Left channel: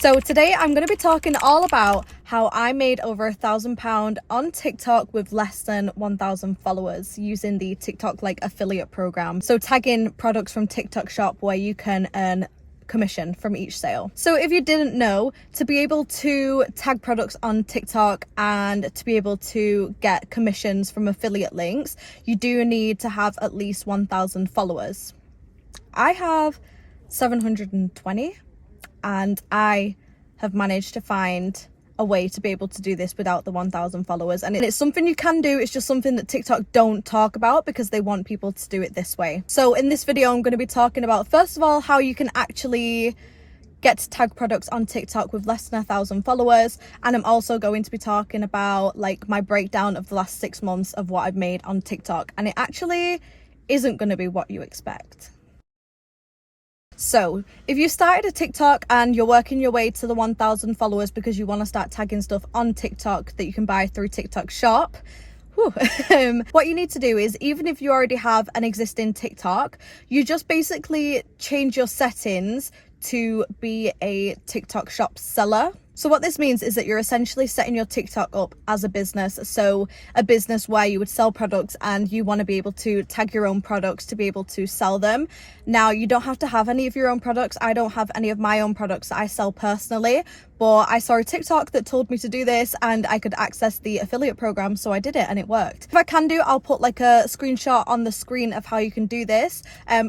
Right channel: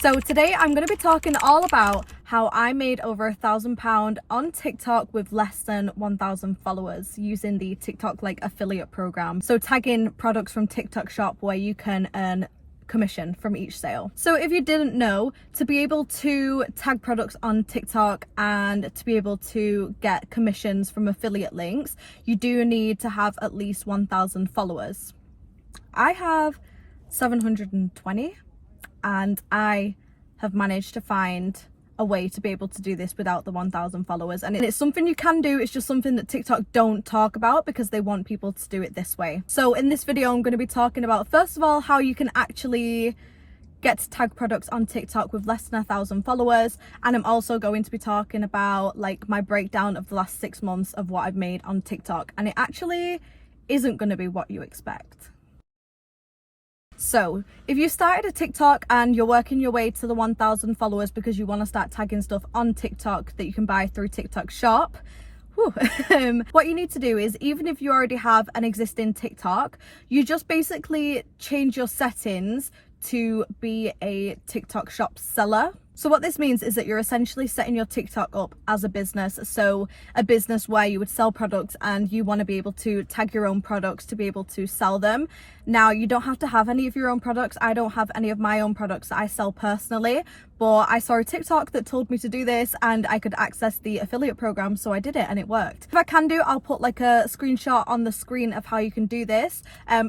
So today I'm going to be talking all about how I made over £1,000 on TikTok with less than 1,000 followers using the TikTok like affiliate program. So tagging products from TikTok shop where you can earn commission from each sale. So if you didn't know, to be able to tag products on TikTok and to be able to get commissions from affiliate links, you do need to have at least 1,000 followers. I have 720 and I have managed to find a way to be able to do this without the 1,000 followers, and it's something you can do. It's just something that TikTok don't talk about because they want people to do it this way. So in this video I'm going to be talking about, first of all, how you can actually get to tag products on TikTok with less than 1,000 followers, and I'm also going to be talking about like my breakdown of the last 6 months of what I've made on TikTok, and it actually isn't going to be what you expect. So if you started a TikTok and you're working your way to the 1,000 followers because you want to start tagging stuff on TikTok that you can buy through TikTok shop, what you need to do is, even if you already have an existing TikTok, you just basically change your settings to be a TikTok shop seller. So what this means is that you're essentially setting your TikTok up as a business. So a business where you would sell products and you want to be able to tag your own products to be able to sell them. Now, you don't have to have any of your own products. I don't have any of my own products that I sell personally, but I saw a TikTok that told me to do this and I could access the affiliate program, so I did it and it worked. If I can do, I'll put like a screenshot on the screen of how you can do this.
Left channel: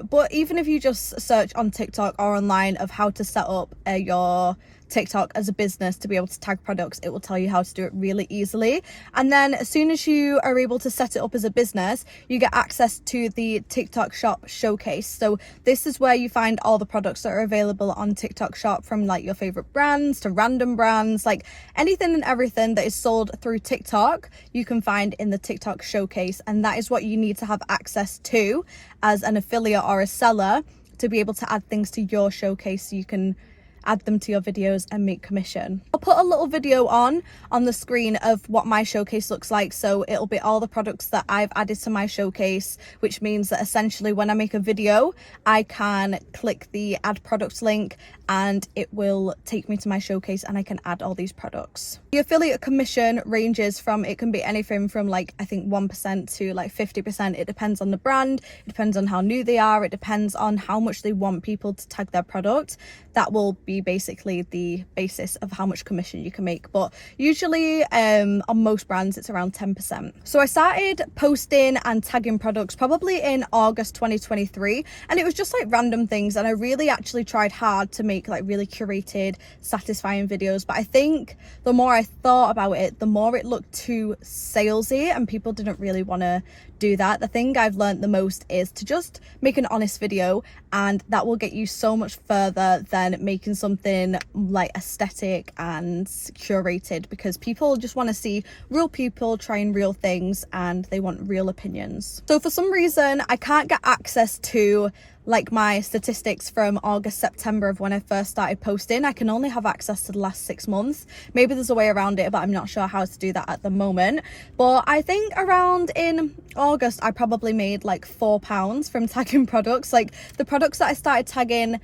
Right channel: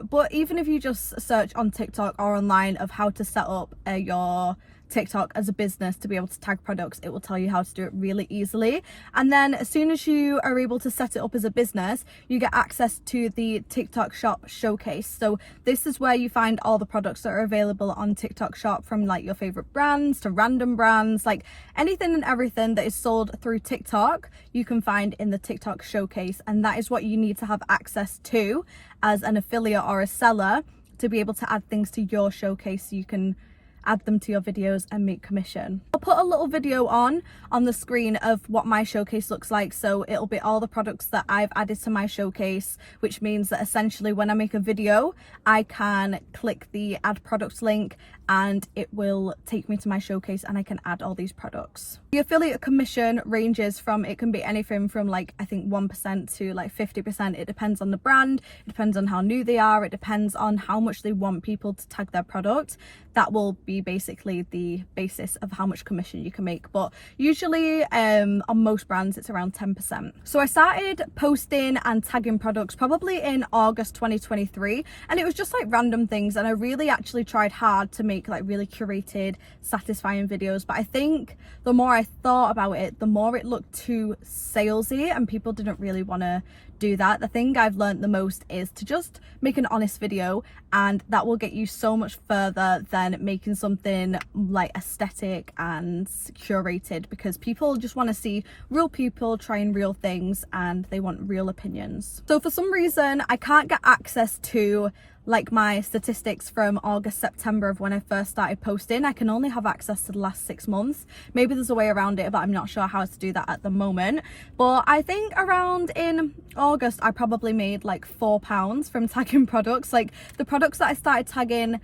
But even if you just search on TikTok or online of how to set up your TikTok as a business to be able to tag products, it will tell you how to do it really easily. And then as soon as you are able to set it up as a business, you get access to the TikTok shop showcase. So this is where you find all the products that are available on TikTok shop, from like your favorite brands to random brands, like anything and everything that is sold through TikTok you can find in the TikTok showcase. And that is what you need to have access to as an affiliate or a seller to be able to add things to your showcase so you can add them to your videos and make commission. I'll put a little video on the screen of what my showcase looks like. So it'll be all the products that I've added to my showcase, which means that essentially when I make a video, I can click the add products link and it will take me to my showcase and I can add all these products. The affiliate commission ranges from, it can be anything from like, I think 1% to like 50%. It depends on the brand, it depends on how new they are, it depends on how much they want people to tag their product. That will be basically the basis of how much commission you can make. But usually on most brands it's around 10%. So I started posting and tagging products probably in August 2023, and it was just like random things, and I really actually tried hard to make like really curated, satisfying videos. But I think the more I thought about it, the more it looked too salesy and people didn't really want to do that. The thing I've learned the most is to just make an honest video, and that will get you so much further than making something like aesthetic and curated, because people just want to see real people trying real things and they want real opinions. So for some reason I can't get access to like my statistics from August, September of when I first started posting. I can only have access to the last 6 months. Maybe there's a way around it, but I'm not sure how to do that at the moment. But I think around in August I probably made like £4 from tagging products. Like the products that I started tagging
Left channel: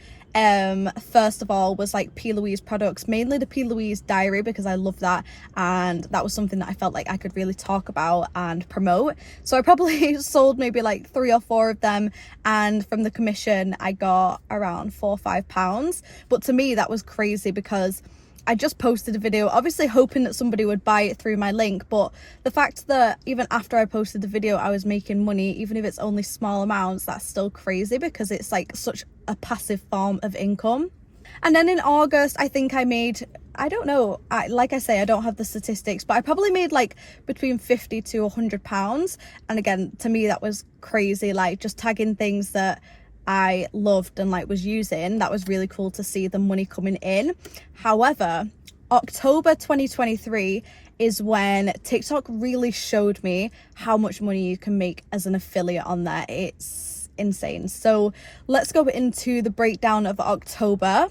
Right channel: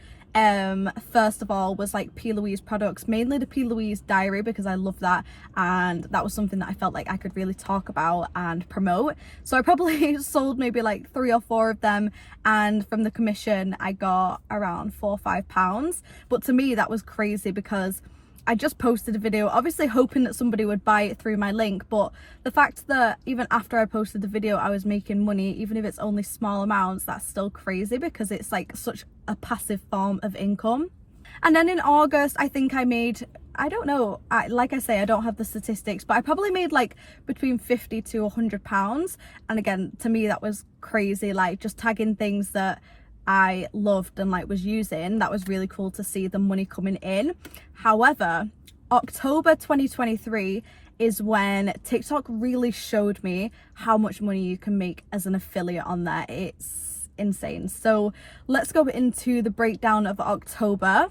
first of all was like P. Louise products, mainly the P. Louise diary, because I love that, and that was something that I felt like I could really talk about and promote. So I probably sold maybe like 3 or 4 of them, and from the commission I got around £4 or £5. But to me that was crazy because I just posted a video, obviously hoping that somebody would buy it through my link, but the fact that even after I posted the video I was making money, even if it's only small amounts, that's still crazy because it's like such a passive form of income. And then in August I think I made, I don't know, like I say, I don't have the statistics, but I probably made like between £50 to £100. And again, to me that was crazy, like just tagging things that I loved and like was using. That was really cool to see the money coming in. However, October 2023 is when TikTok really showed me how much money you can make as an affiliate on there. It's insane. So let's go into the breakdown of October.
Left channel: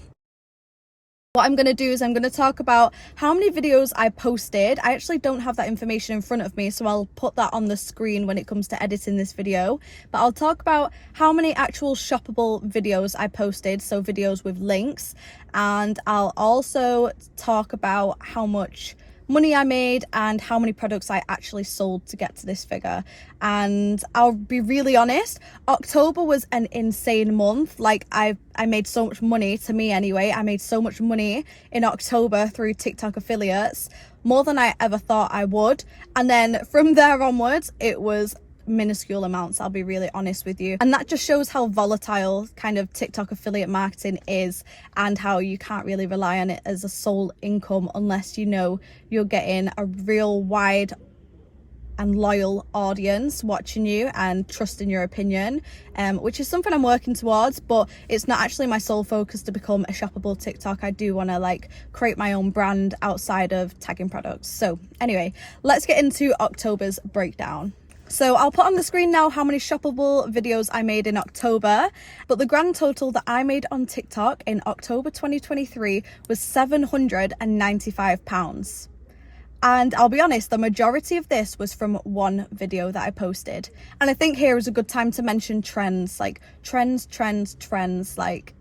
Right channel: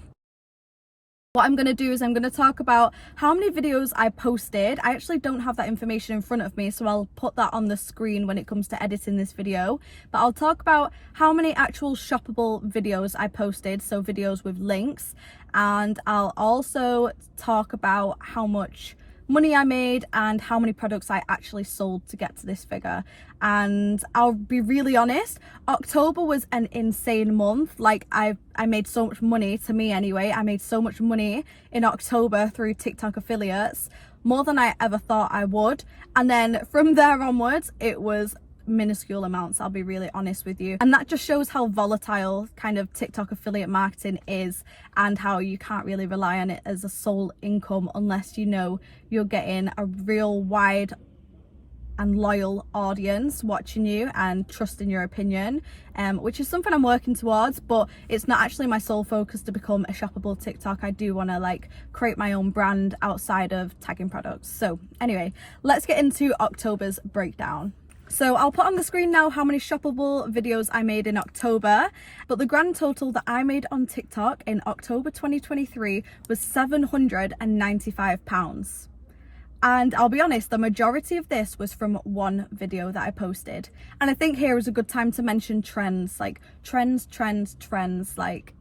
What I'm going to do is I'm going to talk about how many videos I posted. I actually don't have that information in front of me, so I'll put that on the screen when it comes to editing this video. But I'll talk about how many actual shoppable videos I posted, so videos with links. And I'll also talk about how much money I made and how many products I actually sold to get to this figure. And I'll be really honest, October was an insane month. Like I made so much money, to me anyway. I made so much money in October through TikTok affiliates, more than I ever thought I would. And then from there onwards, it was minuscule amounts, I'll be really honest with you. And that just shows how volatile kind of TikTok affiliate marketing is, and how you can't really rely on it as a sole income unless you know you're getting a real wide and loyal audience watching you and trusting your opinion, which is something I'm working towards, but it's not actually my sole focus to become a shoppable TikTok. I do want to like create my own brand outside of tagging products. So anyway, let's get into October's breakdown. So I'll put on the screen now how many shoppable videos I made in October, but the grand total that I made on TikTok in October 2023 was £795. And I'll be honest, the majority of this was from one video that I posted. And I think here is a good time to mention trends, like trends, like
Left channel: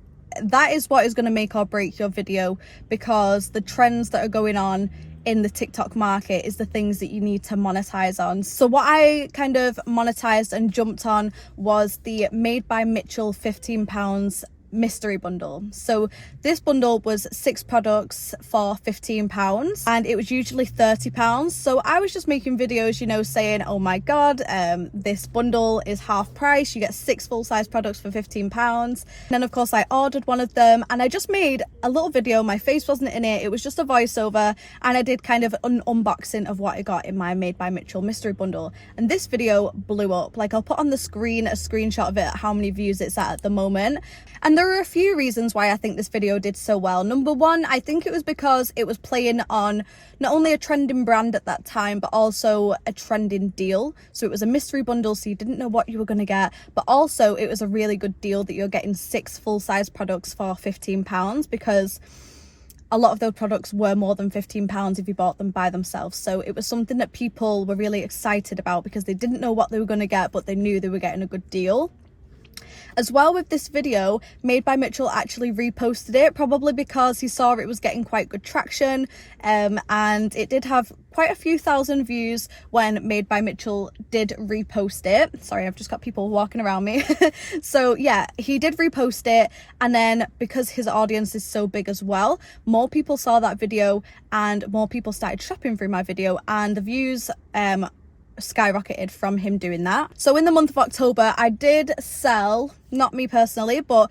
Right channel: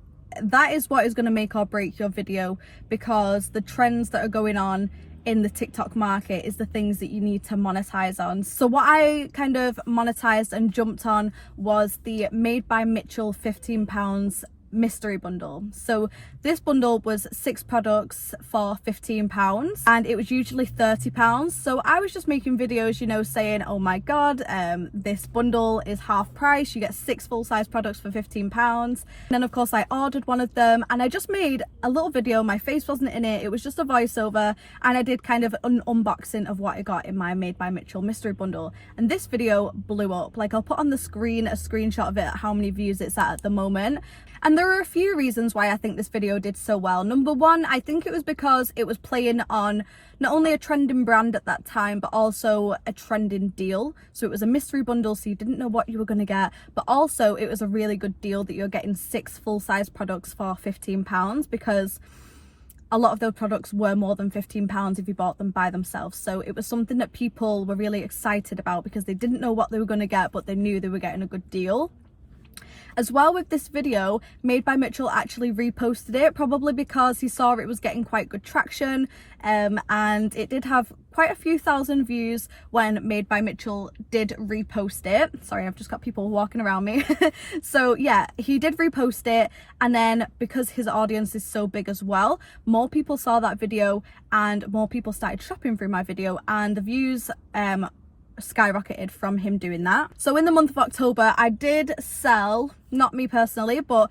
that is what is going to make or break your video, because the trends that are going on in the TikTok market is the things that you need to monetize on. So what I kind of monetized and jumped on was the Made by Mitchell £15 mystery bundle. So this bundle was 6 products for £15, and it was usually £30. So I was just making videos, you know, saying, oh my god, this bundle is half price, you get 6 full-size products for £15. And then of course I ordered one of them, and I just made a little video. My face wasn't in it, it was just a voiceover, and I did kind of an unboxing of what I got in my Made by Mitchell mystery bundle. And this video blew up. Like, I'll put on the screen a screenshot of it, how many views it's at the moment. And there are a few reasons why I think this video did so well. Number one, I think it was because it was playing on not only a trending brand at that time, but also a trending deal. So it was a mystery bundle, so you didn't know what you were going to get, but also it was a really good deal that you're getting 6 full-size products for £15, because a lot of those products were more than £15 if you bought them by themselves. So it was something that people were really excited about, because they didn't know what they were going to get, but they knew they were getting a good deal. As well, with this video, Made by Mitchell actually reposted it, probably because he saw it was getting quite good traction, and it did have quite a few thousand views when Made by Mitchell did repost it. Sorry, I've just got people walking around me. So yeah, he did repost it, and then because his audience is so big as well, more people saw that video and more people started shopping through my video, and the views skyrocketed from him doing that. So in the month of October, I did sell, not me personally, but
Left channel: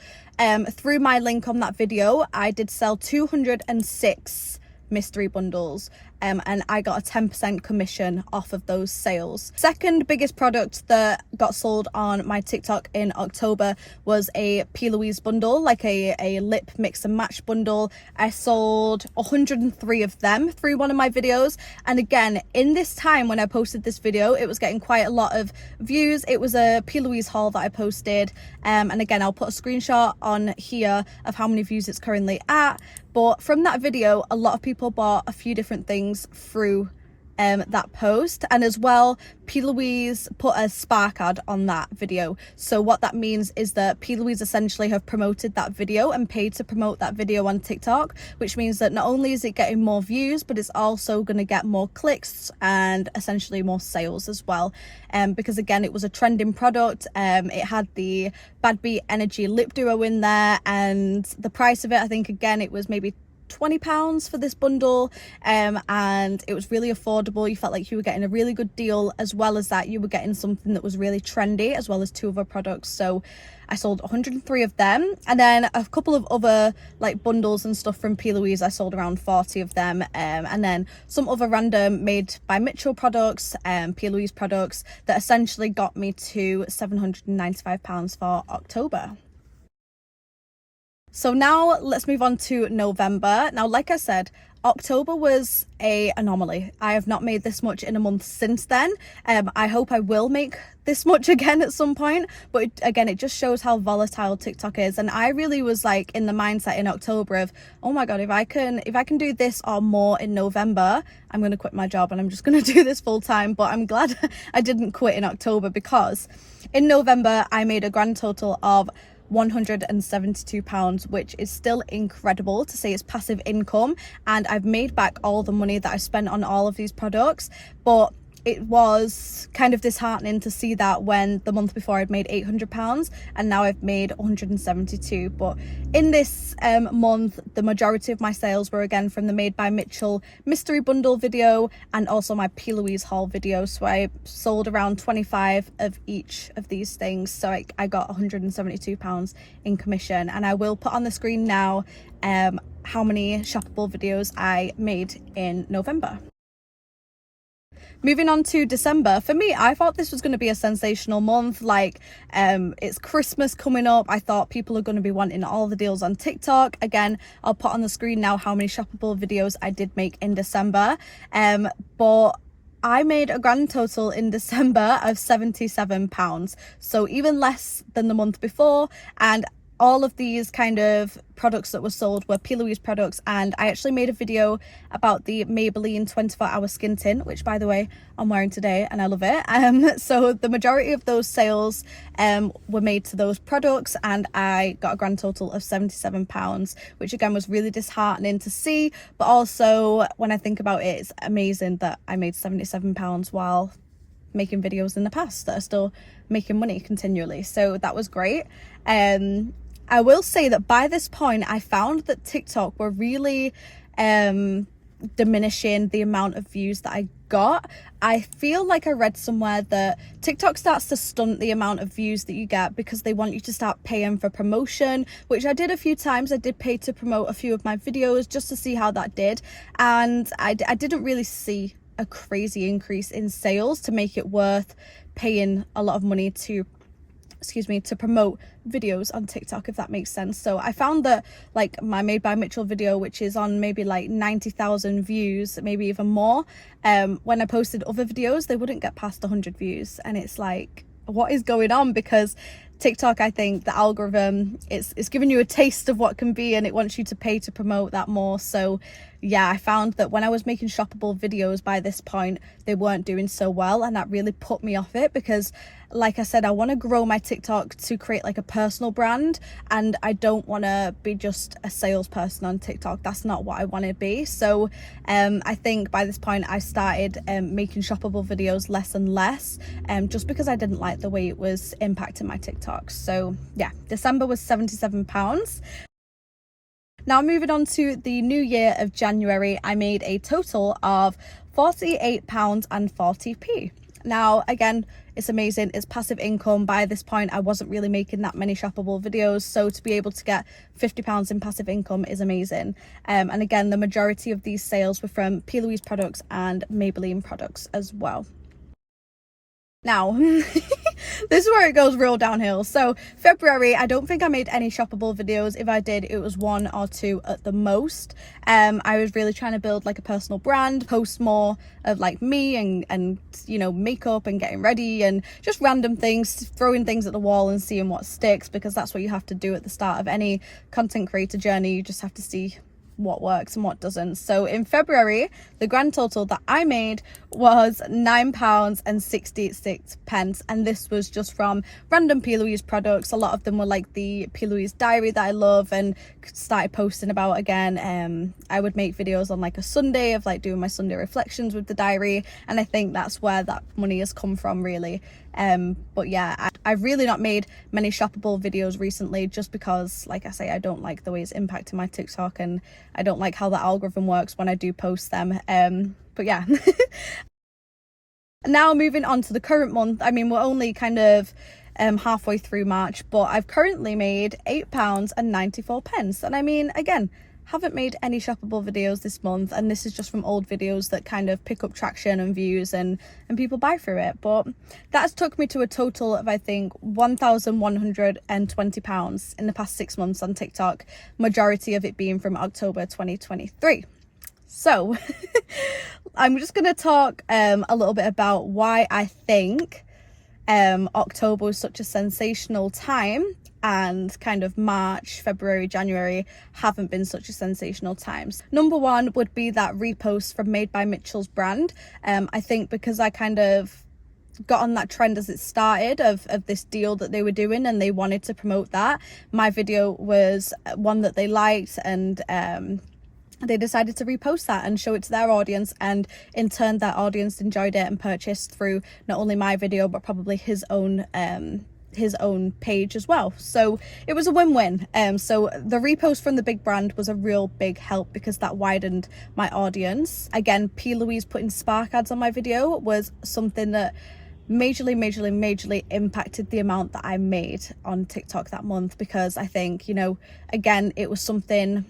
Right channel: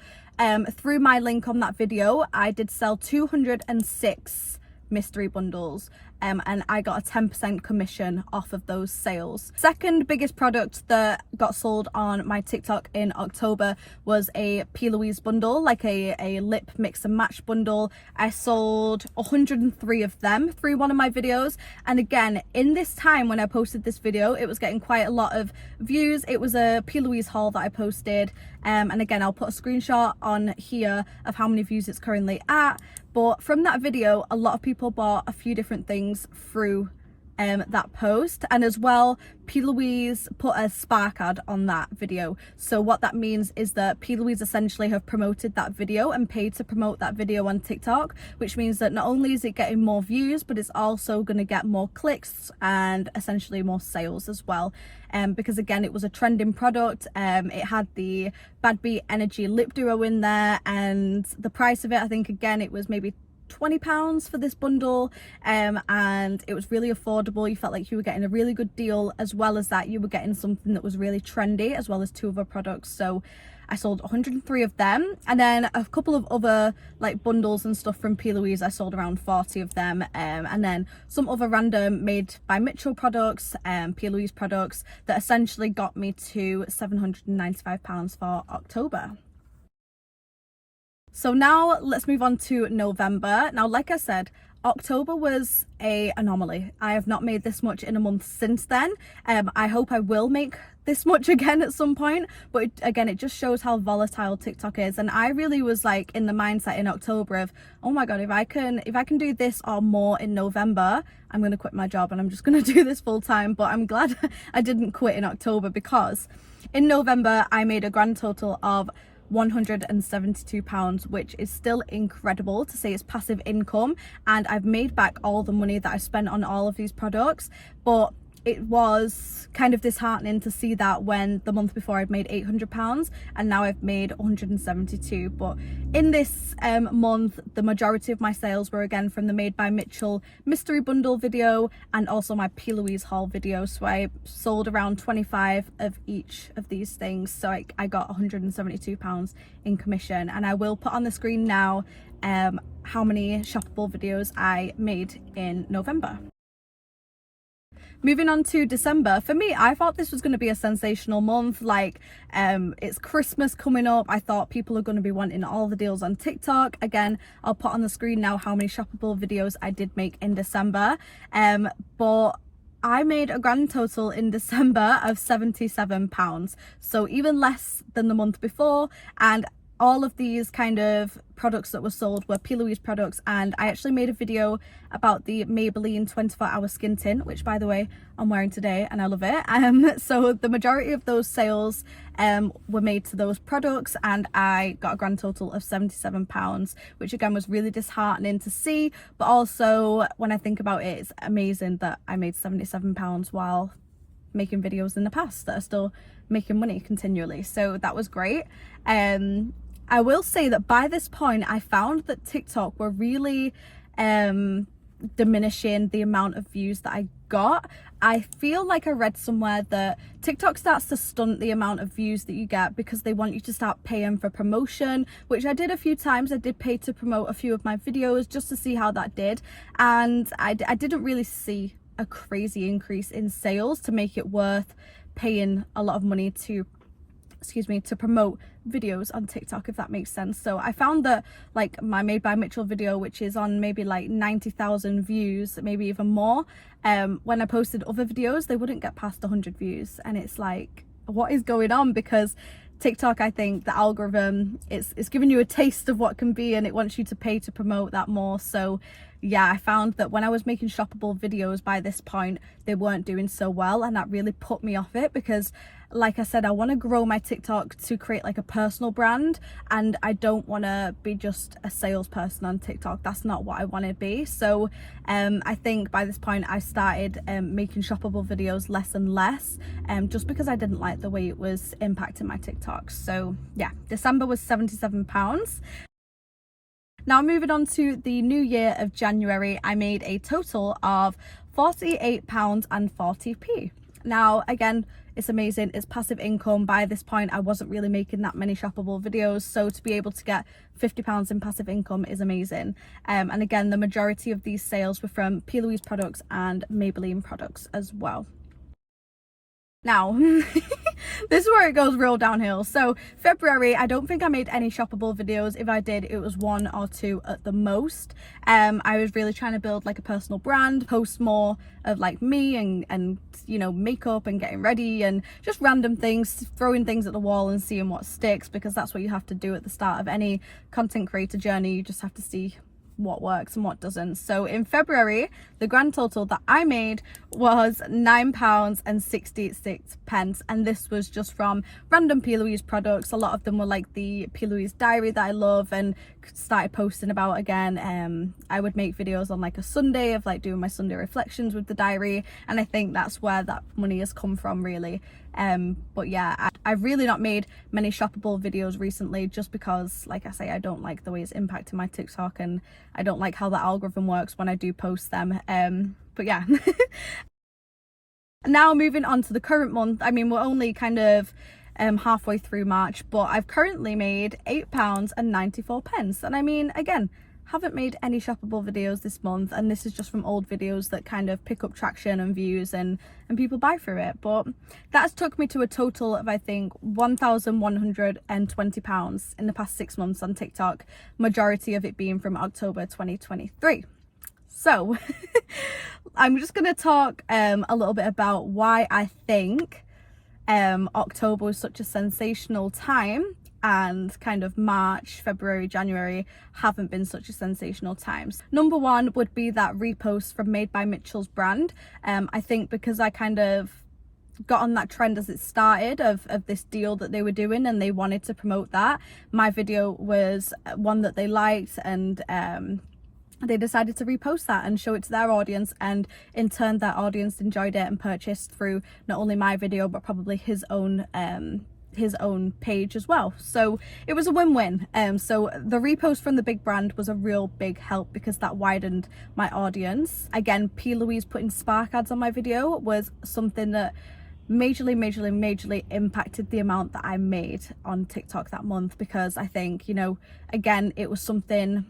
through my link on that video, I did sell 206 mystery bundles, and I got a 10% commission off of those sales. Second biggest product that got sold on my TikTok in October was a P. Louise bundle, like a lip mix and match bundle. I sold 103 of them through one of my videos, and again, in this time when I posted this video, it was getting quite a lot of views. It was a P. Louise haul that I posted, and again, I'll put a screenshot on here of how many views it's currently at. But from that video, a lot of people bought a few different things through that post, and as well, P. Louise put a spark ad on that video. So what that means is that P. Louise essentially have promoted that video and paid to promote that video on TikTok, which means that not only is it getting more views, but it's also going to get more clicks and essentially more sales as well. Because again, it was a trending product. It had the Bad Beat Energy lip duo in there, and the price of it, I think again, it was maybe £20 for this bundle, and it was really affordable. You felt like you were getting a really good deal, as well as that you were getting something that was really trendy, as well as 2 other products. So I sold 103 of them, and then a couple of other like bundles and stuff from P. Louise. I sold around 40 of them, and then some other random Made by Mitchell products, P. Louise products, that essentially got me to £795 for October. So now let's move on to November. Now, like I said, October was a anomaly. I have not made this much in a month since then. I hope I will make this much again at some point, but again, it just shows how volatile TikTok is. And I really was like in the mindset in October of, oh my god, if I can do this or more in November, I'm going to quit my job and I'm just going to do this full time. But I'm glad I didn't quit in October, because in November I made a grand total of £172, which is still incredible to say it's passive income, and I've made back all the money that I spent on all of these products. But it was kind of disheartening to see that when the month before I'd made £800 and now I've made 172. But in this month, the majority of my sales were again from the Made by Mitchell mystery bundle video and also my P. Louise haul video. So I sold around 25 of each of these things, so I got £172 in commission. And I will put on the screen now how many shoppable videos I made in November. Moving on to December, for me, I thought this was going to be a sensational month. Like, it's Christmas coming up. I thought people are going to be wanting all the deals on TikTok. Again, I'll put on the screen now how many shoppable videos I did make in December. But I made a grand total in December of £77, so even less than the month before. And all of these kind of products that were sold were P. Louise products, and I actually made a video about the Maybelline 24-hour skin tint, which by the way I'm wearing today and I love it. So the majority of those sales were made to those products, and I got a grand total of £77, which again was really disheartening to see, but also when I think about it, it's amazing that I made £77 while making videos in the past that are still making money continually. So that was great. I will say that by this point I found that TikTok were really diminishing the amount of views that I got. I feel like I read somewhere that TikTok starts to stunt the amount of views that you get because they want you to start paying for promotion, which I did a few times. I did pay to promote a few of my videos just to see how that did, and I didn't really see a crazy increase in sales to make it worth paying a lot of money to promote videos on TikTok, if that makes sense. So I found that like my Made by Mitchell video, which is on maybe like 90,000 views, maybe even more, when I posted other videos they wouldn't get past 100 views, and it's like, what is going on? Because TikTok, I think the algorithm it's giving you a taste of what can be, and it wants you to pay to promote that more. So yeah, I found that when I was making shoppable videos by this point, they weren't doing so well, and that really put me off it, because like I said, I want to grow my TikTok to create like a personal brand, and I don't want to be just a salesperson on TikTok. That's not what I want to be. So I think by this point I started making shoppable videos less and less, just because I didn't like the way it was impacting my TikTok. So yeah, December was £77. Now moving on to the new year of January, I made a total of £48.40. Now again, it's amazing, it's passive income. By this point I wasn't really making that many shoppable videos, so to be able to get £50 in passive income is amazing. And again, the majority of these sales were from P. Louise products and Maybelline products as well. Now this is where it goes real downhill. So February, I don't think I made any shoppable videos. If I did, it was 1 or 2 at the most. I was really trying to build like a personal brand, post more of like me and you know, makeup and getting ready and just random things, throwing things at the wall and seeing what sticks, because that's what you have to do at the start of any content creator journey. You just have to see what works and what doesn't. So in February, the grand total that I made was £9.66, and this was just from random P. Louise products. A lot of them were like the P. Louise diary that I love and started posting about again. I would make videos on like a Sunday of like doing my Sunday reflections with the diary, and I think that's where that money has come from really. But yeah, I've really not made many shoppable videos recently, just because like I say, I don't like the way it's impacting my TikTok, and I don't like how the algorithm works when I do post them. But yeah. Now moving on to the current month, I mean, we're only kind of halfway through March, but I've currently made £8.94, and I mean, again, haven't made any shoppable videos this month, and this is just from old videos that kind of pick up traction and views and people buy through it. But that's took me to a total of I think £1,120 in the past 6 months on TikTok, majority of it being from October 2023. So I'm just going to talk a little bit about why I think October was such a sensational time, and kind of March, February, January haven't been such a sensational times. Number one would be that repost from Made by Mitchell's brand. I think because I kind of got on that trend as it started of this deal that they were doing, and they wanted to promote that. My video was one that they liked, and they decided to repost that and show it to their audience, and in turn that audience enjoyed it and purchased through not only my video but probably his own page as well. So it was a win-win. So the repost from the big brand was a real big help because that widened my audience. Again, P. Louise putting spark ads on my video was something that majorly impacted the amount that I made on TikTok that month, because I think, you know, again, it was something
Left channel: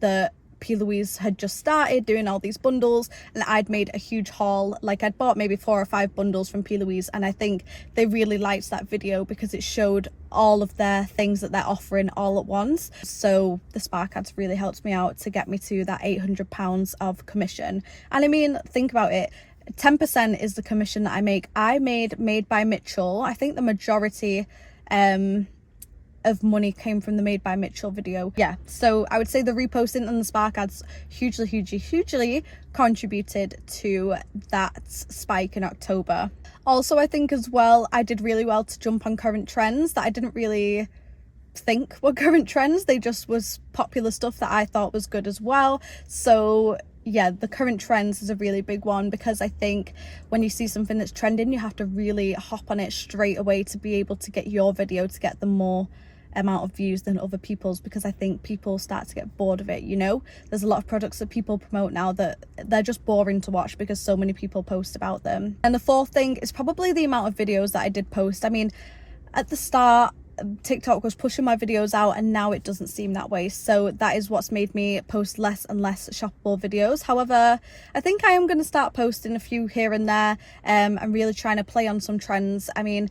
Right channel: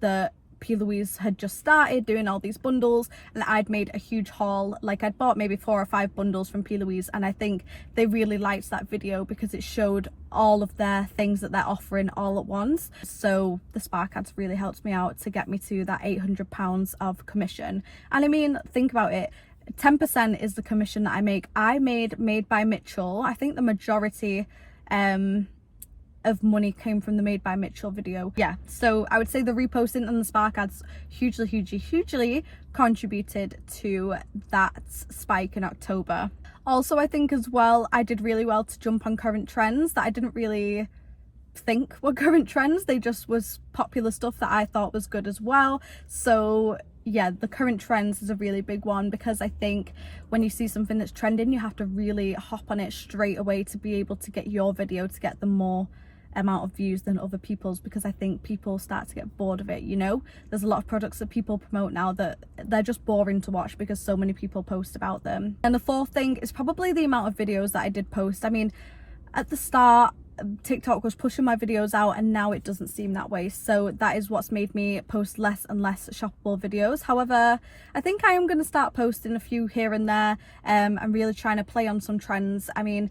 that P. Louise had just started doing, all these bundles, and I'd made a huge haul. Like, I'd bought maybe 4 or 5 bundles from P. Louise, and I think they really liked that video because it showed all of their things that they're offering all at once. So the spark ads really helped me out to get me to that £800 of commission. And I mean, think about it, 10% is the commission that I make. I made Made by Mitchell, I think the majority of money came from the Made by Mitchell video. Yeah, so I would say the reposting and the spark ads hugely contributed to that spike in October. Also, I think as well, I did really well to jump on current trends that I didn't really think were current trends. They just was popular stuff that I thought was good as well. So yeah, the current trends is a really big one, because I think when you see something that's trending, you have to really hop on it straight away to be able to get your video to get the more amount of views than other people's, because I think people start to get bored of it. You know, there's a lot of products that people promote now that they're just boring to watch because so many people post about them. And the fourth thing is probably the amount of videos that I did post. I mean, at the start TikTok was pushing my videos out, and now it doesn't seem that way, so that is what's made me post less and less shoppable videos. However, I think I am going to start posting a few here and there. I'm really trying to play on some trends. I mean,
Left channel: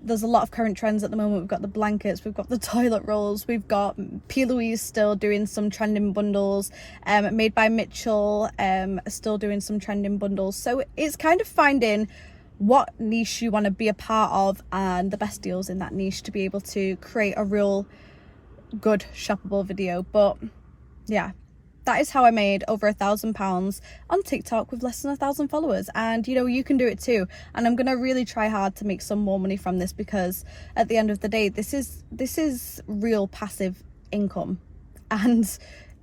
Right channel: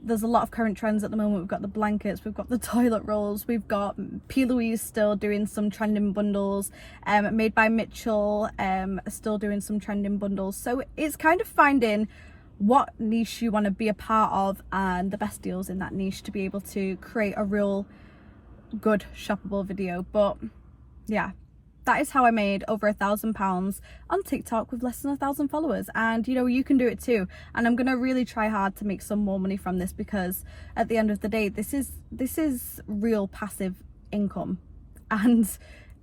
there's a lot of current trends at the moment. We've got the blankets, we've got the toilet rolls, we've got P. Louise still doing some trending bundles, Made by Mitchell still doing some trending bundles. So it's kind of finding what niche you want to be a part of and the best deals in that niche to be able to create a real good shoppable video. But yeah, that is how I made over £1,000 on TikTok with less than 1,000 followers. And you know, you can do it too. And I'm gonna really try hard to make some more money from this, because at the end of the day, this is real passive income, and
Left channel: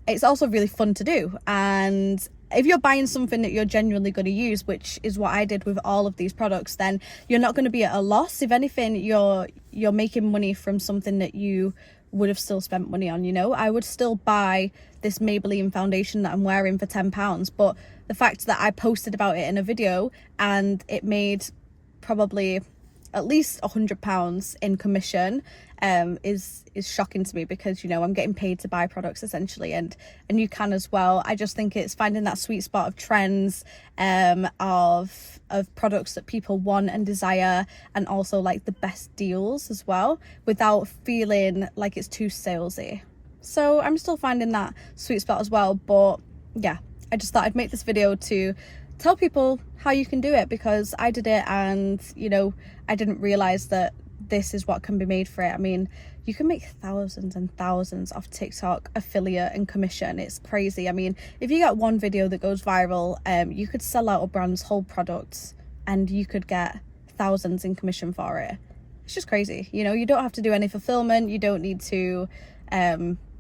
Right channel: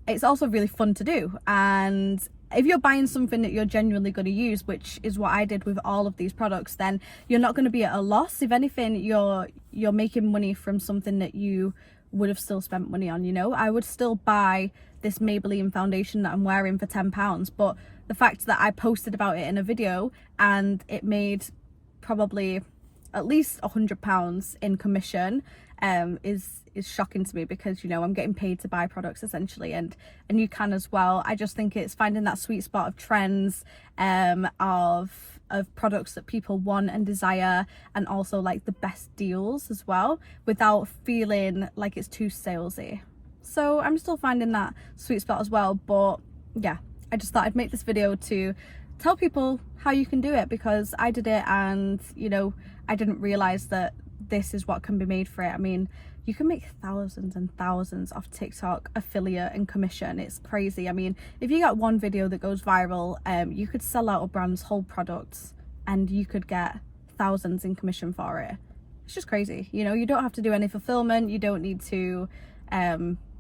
it's also really fun to do. And if you're buying something that you're genuinely going to use, which is what I did with all of these products, then you're not going to be at a loss. If anything, you're making money from something that you would have still spent money on. You know, I would still buy this Maybelline foundation that I'm wearing for £10, but the fact that I posted about it in a video and it made probably at least £100 in commission is shocking to me, because you know, I'm getting paid to buy products essentially, and you can as well. I just think it's finding that sweet spot of trends, of products that people want and desire, and also like the best deals as well, without feeling like it's too salesy. So I'm still finding that sweet spot as well. But yeah, I just thought I'd make this video to tell people how you can do it, because I did it, and you know, I didn't realize that this is what can be made for it. I mean, you can make thousands and thousands off TikTok affiliate and commission. It's crazy. I mean, if you got one video that goes viral, you could sell out a brand's whole products and you could get thousands in commission for it. It's just crazy. You know, you don't have to do any fulfillment, you don't need to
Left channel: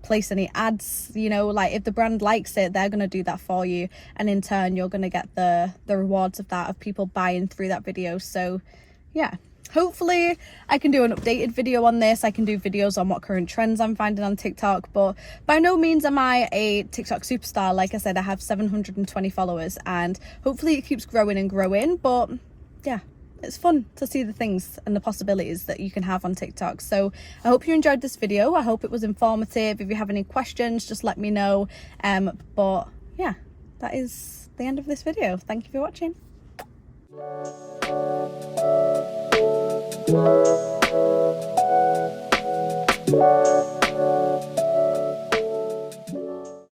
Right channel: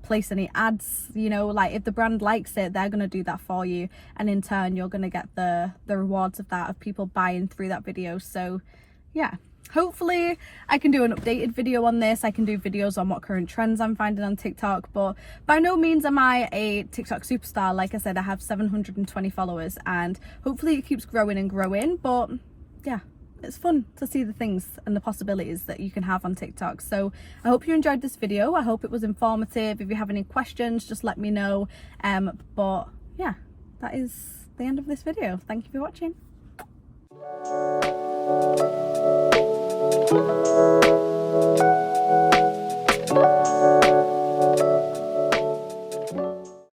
place any ads. You know, like if the brand likes it, they're going to do that for you, and in turn you're going to get the rewards of that, of people buying through that video. So yeah, hopefully I can do an updated video on this. I can do videos on what current trends I'm finding on TikTok, but by no means am I a TikTok superstar. Like I said, I have 720 followers, and hopefully it keeps growing and growing. But yeah, it's fun to see the things and the possibilities that you can have on TikTok. So I hope you enjoyed this video. I hope it was informative. If you have any questions, just let me know. But yeah, that is the end of this video. Thank you for watching.